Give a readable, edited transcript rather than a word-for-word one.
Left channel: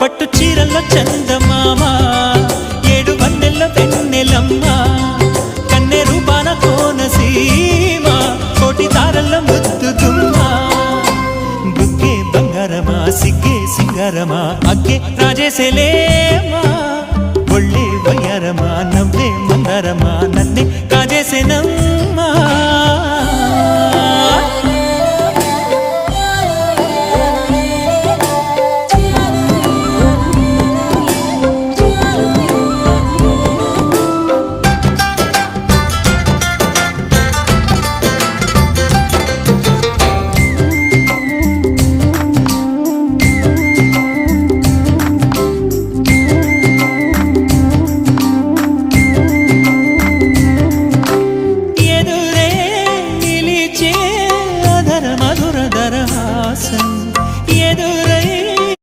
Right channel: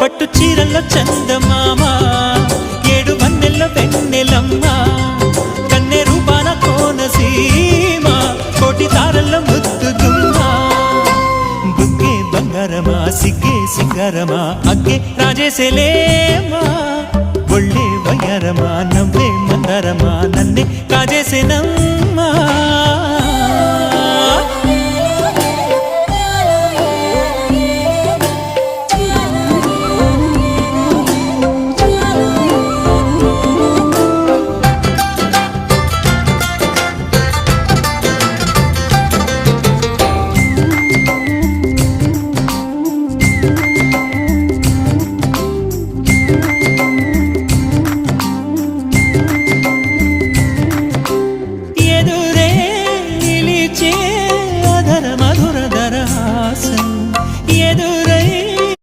పట్టు చీరల్లో చందమామ ఏడు వన్నెల్లో వెన్నెలమ్మ కన్నె రూపాన కోనసీమ కోటి తారల్లో ముద్దుగుమ్మ బుగ్గే బంగారమా సిగ్గే సింగారమా అగ్గే రాజేసేలేమా ఒళ్ళే వయ్యారమా నవ్వే మందారమా నన్నే కాజేసేనమ్మా